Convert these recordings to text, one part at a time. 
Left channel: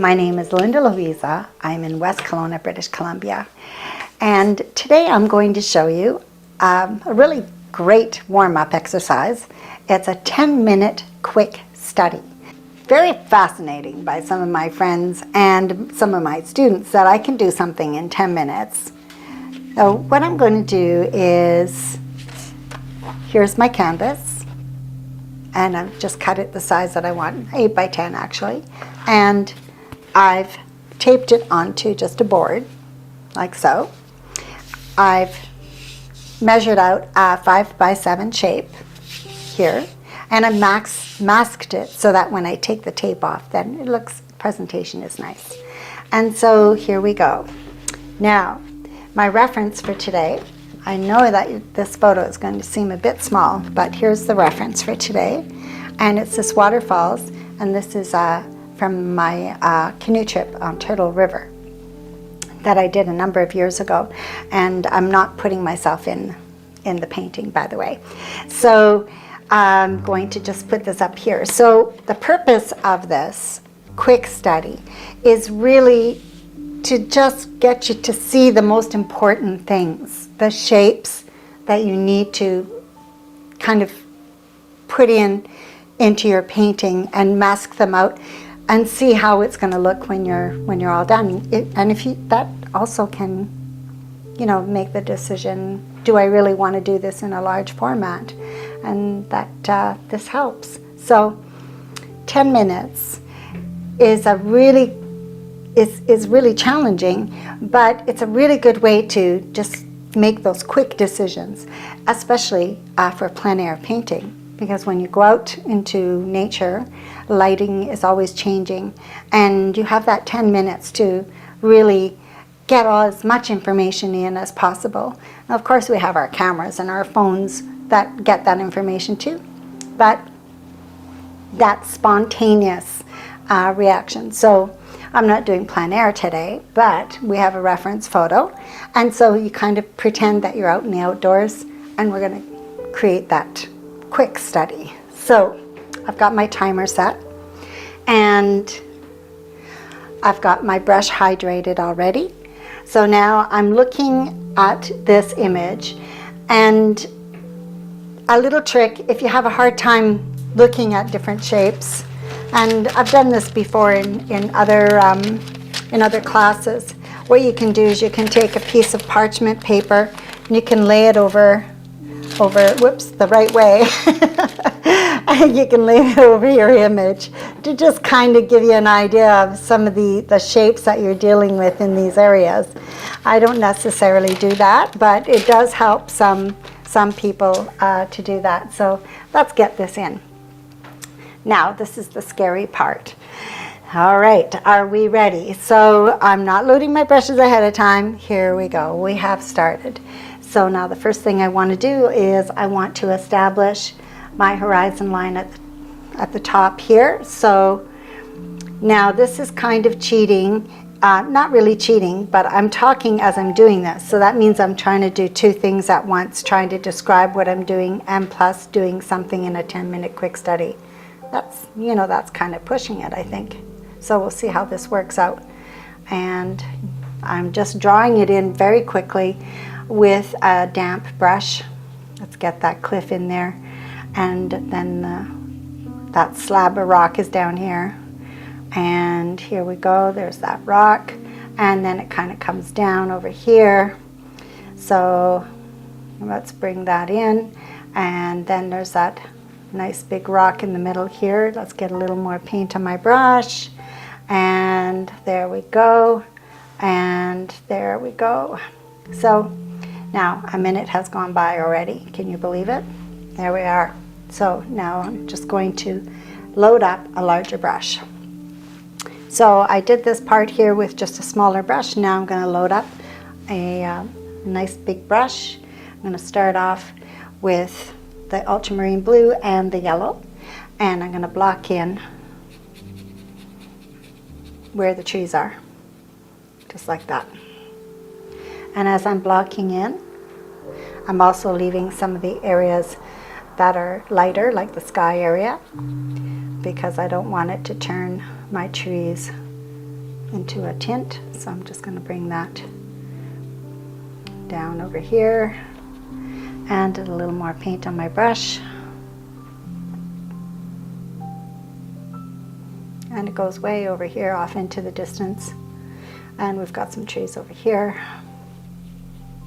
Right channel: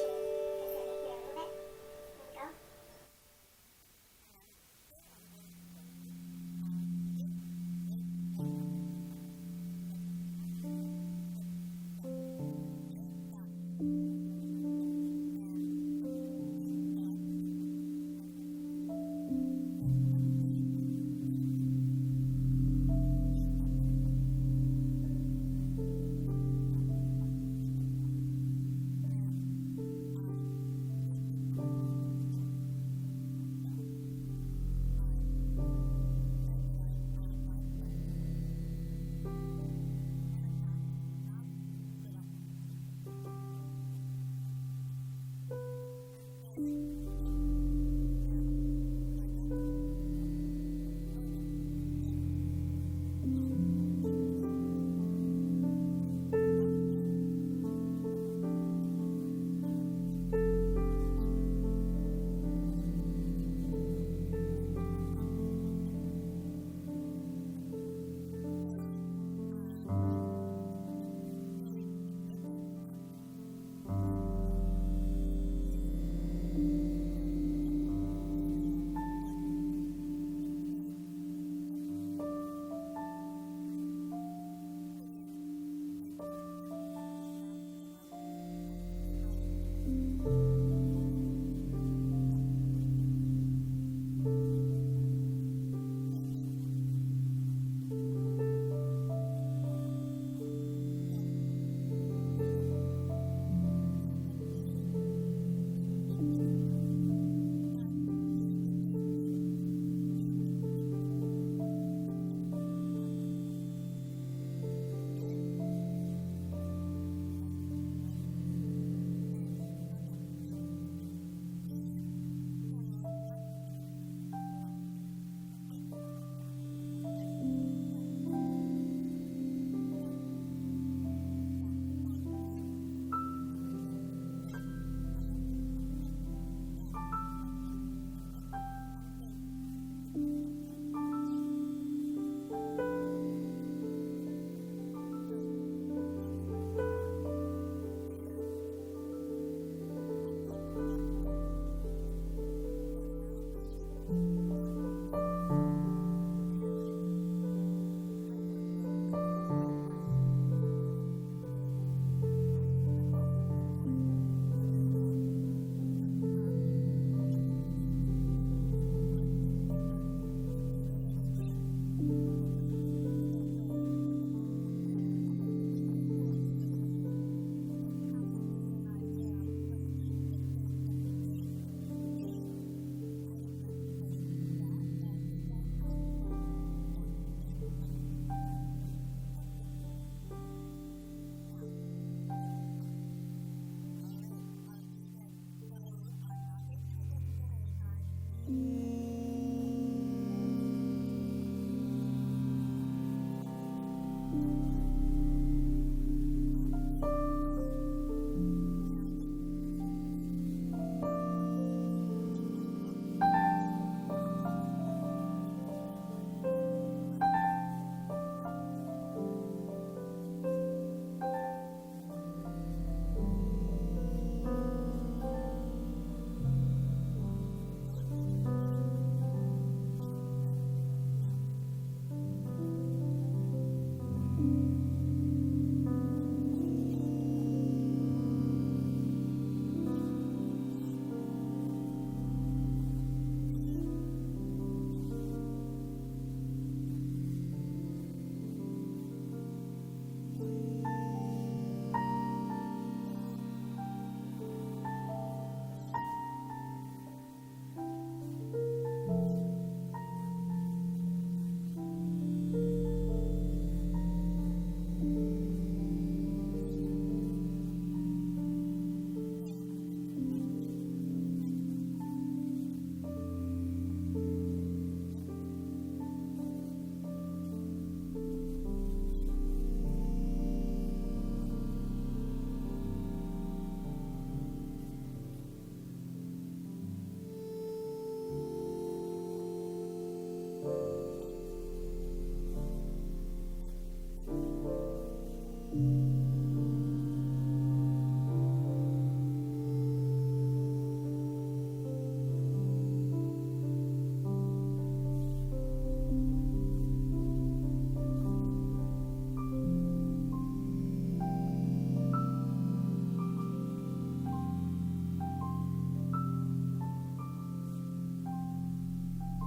My name is Linda Lovisa. I'm in West Kelowna, British Columbia. And today I'm going to show you a really great warm-up exercise. It's a 10-minute quick study. Very fascinating by some of my friends and some of my students that I can do something in 10 minutes. So what I'm going to do is, here's my canvas, and I've just cut it the size that I want, 8 by 10 actually, and I've taped it onto just a board, like so. I've measured out a 5 by 7 shape here, and I masked it so that when I take the tape off, then it looks, presentation is nice. And so here we go. Now, my reference for today, I know that this photo is going to seem a bit small, but here's the reference for today. And it's this waterfalls, and this is from my canoe trip on Turtle River that I did a number of years ago. And I'm not putting myself in the painting, by the way. So I'm going to just put this up here. So the purpose of this quick study is really to just get you to see the most important things, the shapes that you need to kind of put into your painting and mask them out and see how it's going to look when you're all done. And if you, that also can, you know, make the decision, do I really want to do this in a large format? And that this helps. So 10 minutes is a really is really challenging, but it's a really good way to just make those quick decisions, especially for plein air painting, because when you go out into nature, lighting is always changing, and you have that 10 minutes to really get as much information in as possible. And of course, we have our cameras and our phones that get that information too, but that spontaneous reaction. So I'm not doing plein air today, but we have a reference photo, and so you kind of pretend that you're out in the outdoors, and we're going to create that quick study. So I've got my timer set, and I've got my brush hydrated already. So now I'm looking at this image, and a little trick, if you have a hard time looking at different shapes, and I've done this before in other classes, what you can do is you can take a piece of parchment paper and you can lay it over, whoops, the right way, and you can lay it over your image to just kind of give you an idea of some of the shapes that you're dealing with in these areas. I don't necessarily do that, but it does help some people to do that. So let's get this in. Now, this is the scary part. All right, are we ready? So I'm not loading my brushes ahead of time. Here we go, we have started. So now the first thing I want to do is I want to establish my horizon line at the top here. So now this is kind of cheating. Not really cheating, but I'm talking as I'm doing this. So that means I'm trying to do two things at once, trying to describe what I'm doing and plus doing something in a 10-minute quick study. That's, you know, that's kind of pushing it, I think. So we'll see how this works out. And I'm just drawing it in very quickly with a damp brush. Let's get that cliff in there. And then that slab of rock is down here. And here we go, there's that rock. And then it kind of comes down over here. So let's bring that in. And then there's that nice big rock in the middle here. Let's get a little more paint on my brush. And there we go. And there we go. So now a minute has gone by already. Can you believe it? There we are. So now I'm just going to load up a larger brush. So I did this part here with just a smaller brush. Now I'm going to load up a nice big brush. I'm going to start off with the ultramarine blue and the yellow, and I'm going to block in where the trees are, just like that. And as I'm blocking in, I'm also leaving some of the areas that are lighter, like the sky area, because I don't want it to turn my trees into a tint. So I'm just going to bring that down over here and a little more paint on my brush. And it goes way over here off into the distance. And we've got some trees over here.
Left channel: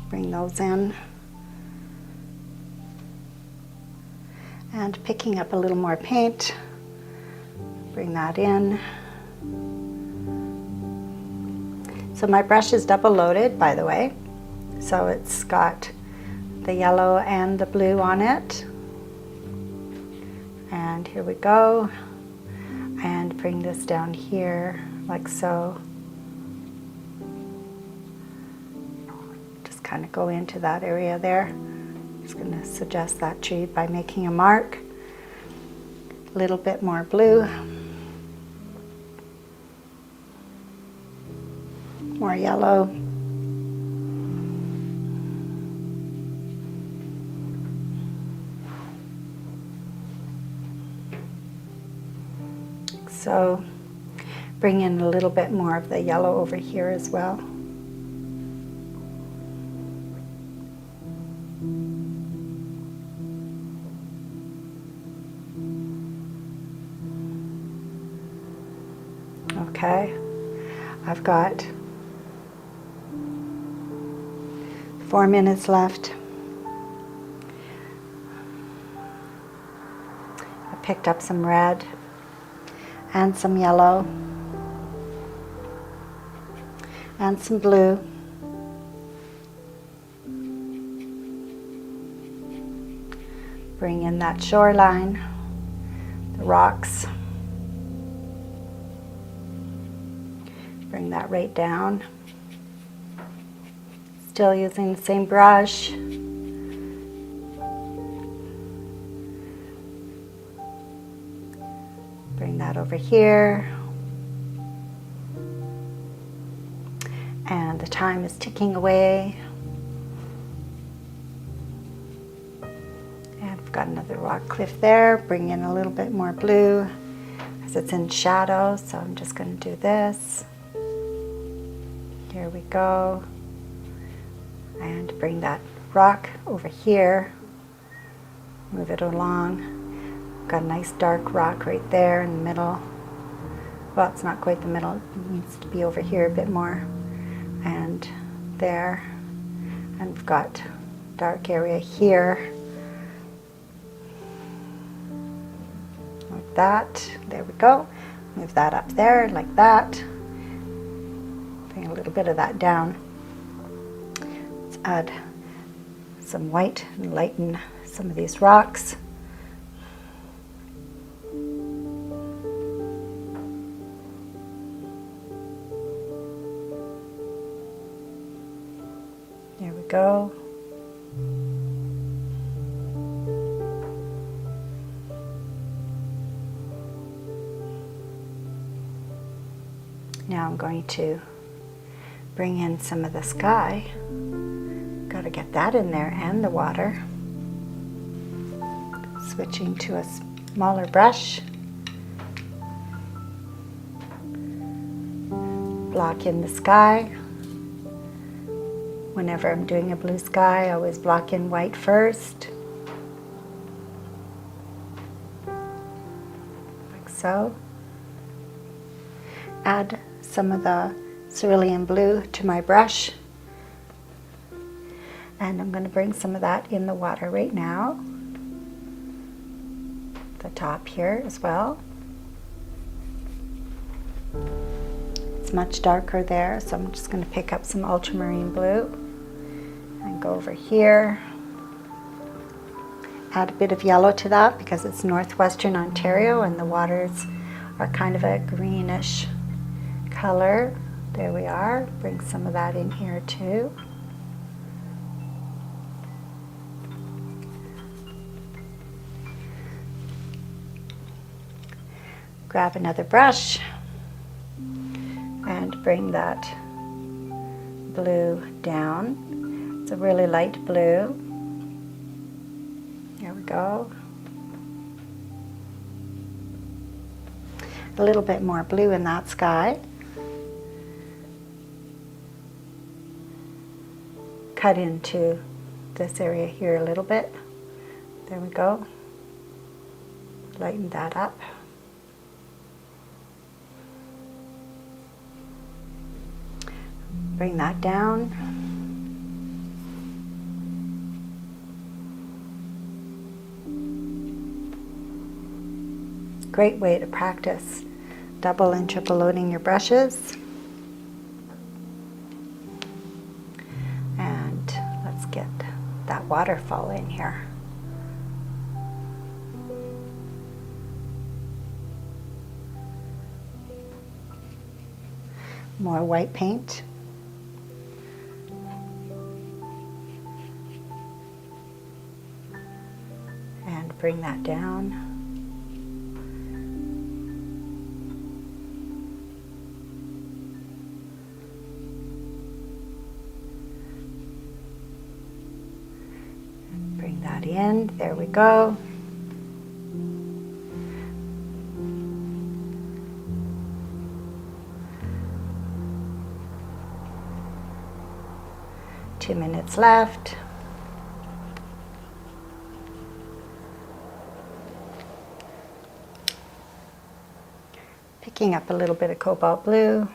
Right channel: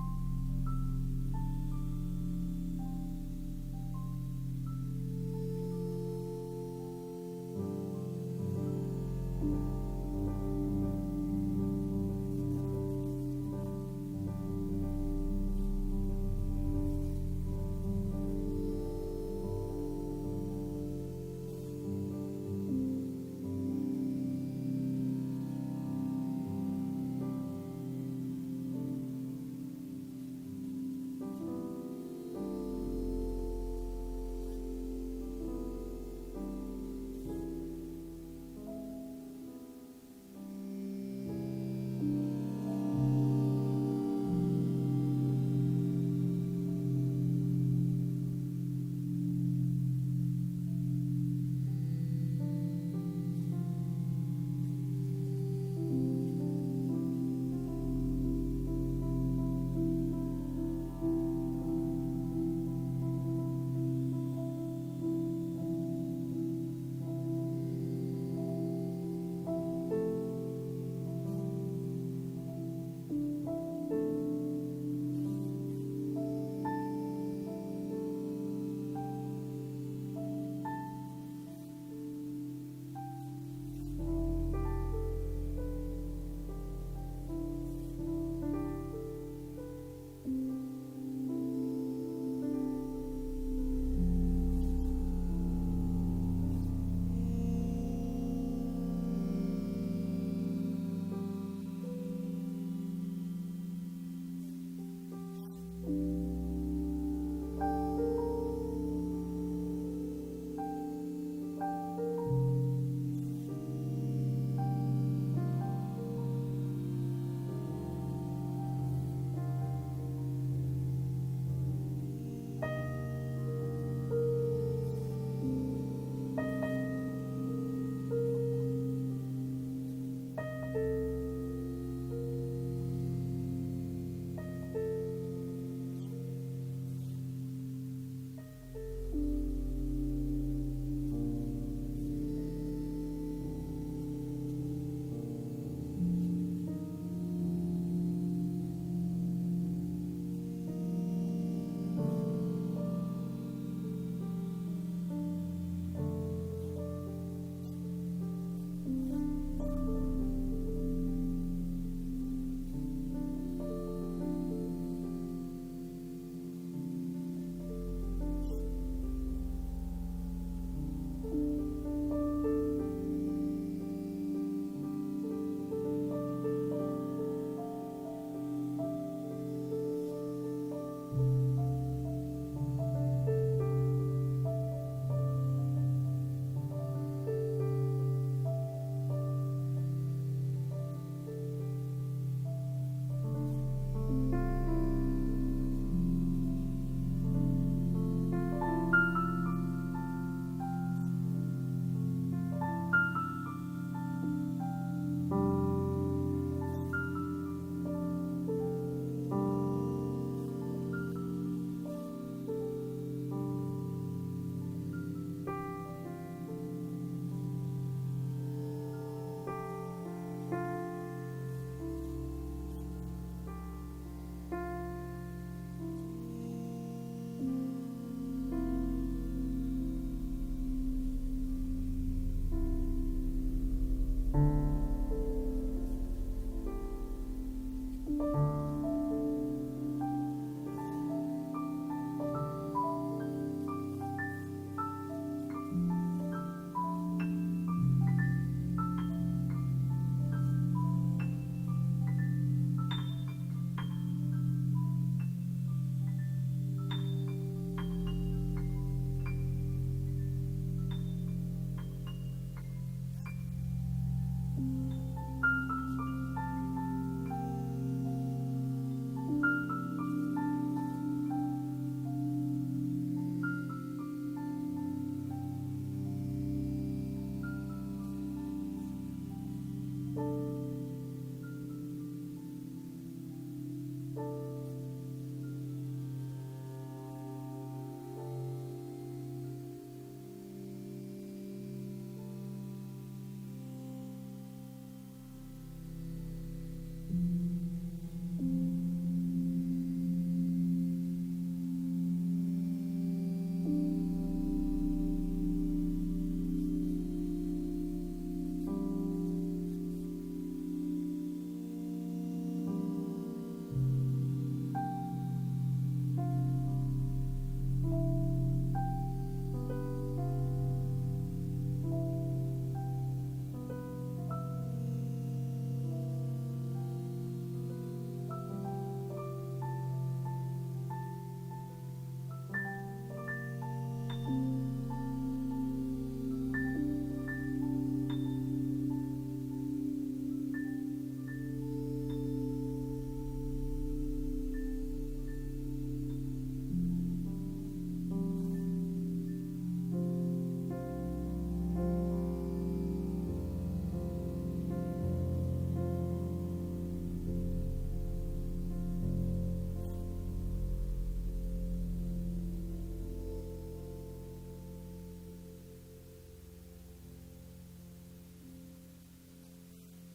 Bring those in. And picking up a little more paint, bring that in. So my brush is double loaded, by the way. So it's got the yellow and the blue on it. And here we go. And bring this down here, like so. Just kind of go into that area there. Just going to suggest that tree by making a mark. A little bit more blue. More yellow. So bring in a little bit more of the yellow over here as well. Okay, I've got 4 minutes left. I picked up some red and some yellow and some blue. Bring in that shoreline, the rocks. Bring that right down. Still using the same brush. Bring that over here. And the time is ticking away. And we've got another rock cliff there. Bring in a little bit more blue as it's in shadow, so I'm just going to do this. Here we go. And bring that rock over here. Move it along. Got a nice dark rock right there in the middle. Well, it's not quite the middle. It needs to be over here a bit more. And there. And we've got dark area here. Like that. There we go. Move that up there like that. Bring a little bit of that down. Let's add some white and lighten some of these rocks. There we go. Now I'm going to bring in some of the sky. Got to get that in there and the water. Switching to a smaller brush. Block in the sky. Whenever I'm doing a blue sky, I always block in white first. Like so. Add some of the cerulean blue to my brush. And I'm going to bring some of that in the water right now. The top here as well. It's much darker there, so I'm just going to pick up some ultramarine blue and go over here. Add a bit of yellow to that because it's northwestern Ontario and the waters are kind of a greenish color. There we are. Bring some of that in here too. Grab another brush and bring that blue down. It's a really light blue. There we go. A little bit more blue in that sky. cut into this area here a little bit. There we go. Lighten that up. Bring that down. Great way to practice double and triple loading your brushes. And let's get that waterfall in here. More white paint. And bring that down. Bring that in. There we go. Two minutes left. Picking up a little bit of cobalt blue.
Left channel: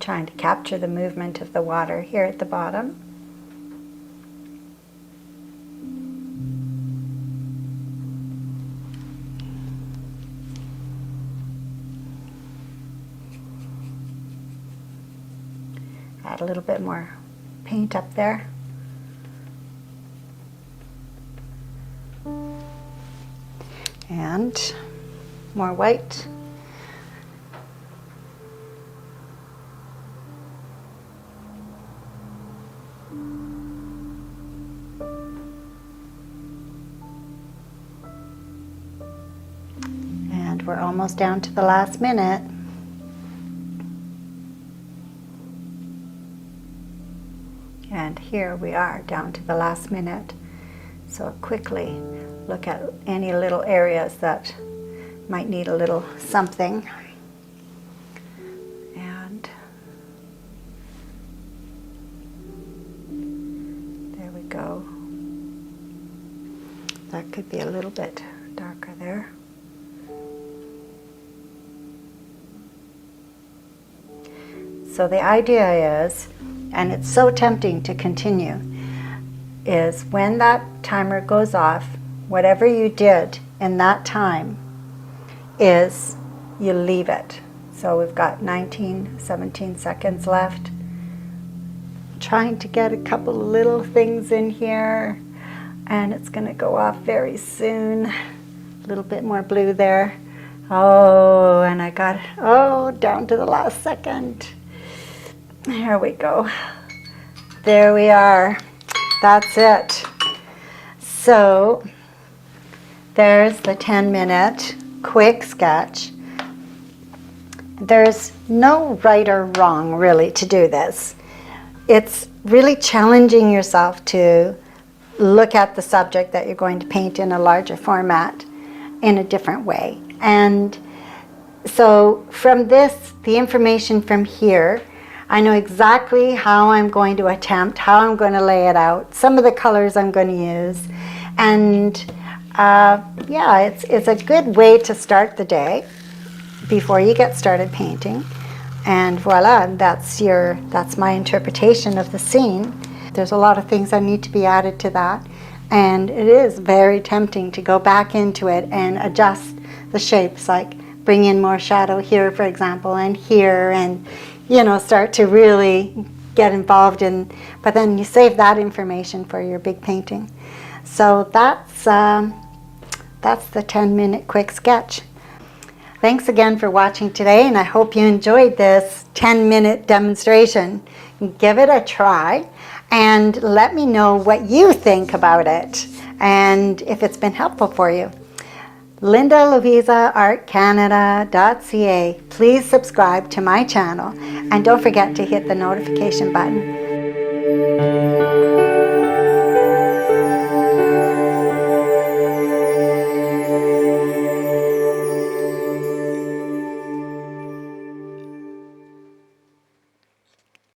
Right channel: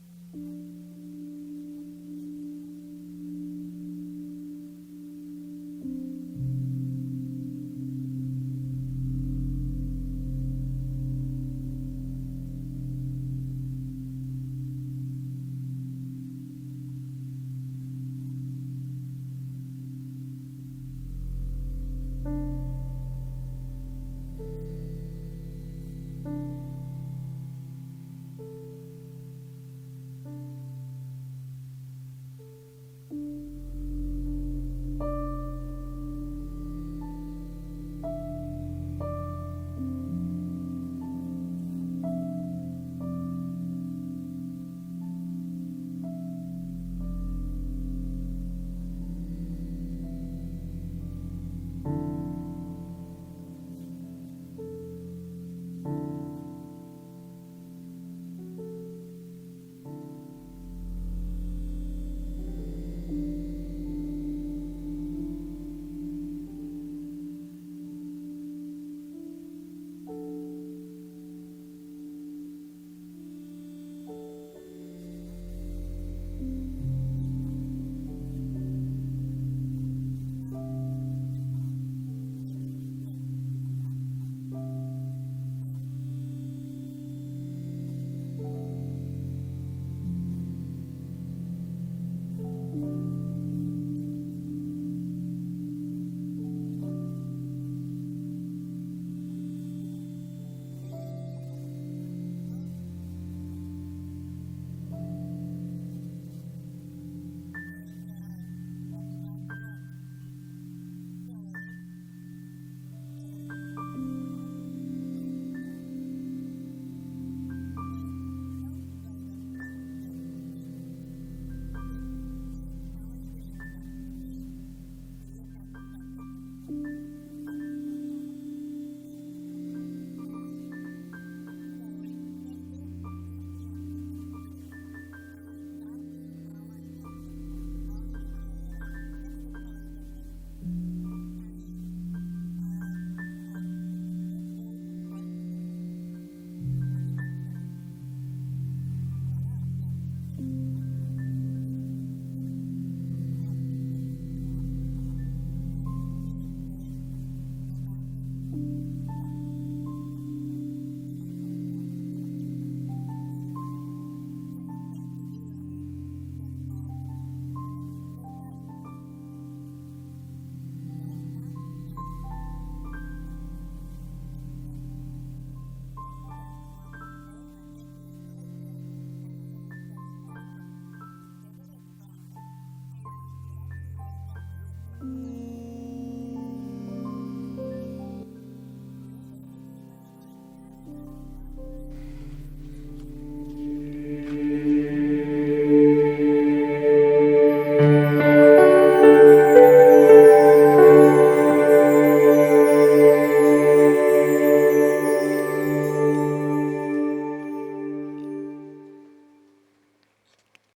Trying to capture the movement of the water here at the bottom. Add a little bit more paint up there. And more white. And we're almost down to the last minute. And here we are down to the last minute. So quickly look at any little areas that might need a little something. And there we go. That could be a little bit darker there. So the idea is, and it's so tempting to continue, is when that timer goes off, whatever you did in that time is you leave it. So we've got 17 seconds left. Trying to get a couple of little things in here, and it's going to go off very soon. A little bit more blue there. Oh, and I got, down to the last second. There we go. There we are. That's it. So there's the 10-minute quick sketch. There's no right or wrong really to do this. It's really challenging yourself to look at the subject that you're going to paint in a larger format in a different way. And so from this, the information from here, I know exactly how I'm going to attempt, how I'm going to lay it out, some of the colors I'm going to use. And yeah, it's a good way to start the day before you get started painting. And voila, that's my interpretation of the scene. There's a lot of things that need to be added to that. And it is very tempting to go back into it and adjust the shapes, like bring in more shadow here, for example, and here, and start to really get involved in, but then you save that information for your big painting. So that's the 10-minute quick sketch. Thanks again for watching today, and I hope you enjoyed this 10-minute demonstration. Give it a try and let me know what you think about it and if it's been helpful for you. LindaLovisaArtCanada.ca. Please subscribe to my channel and don't forget to hit the notification button.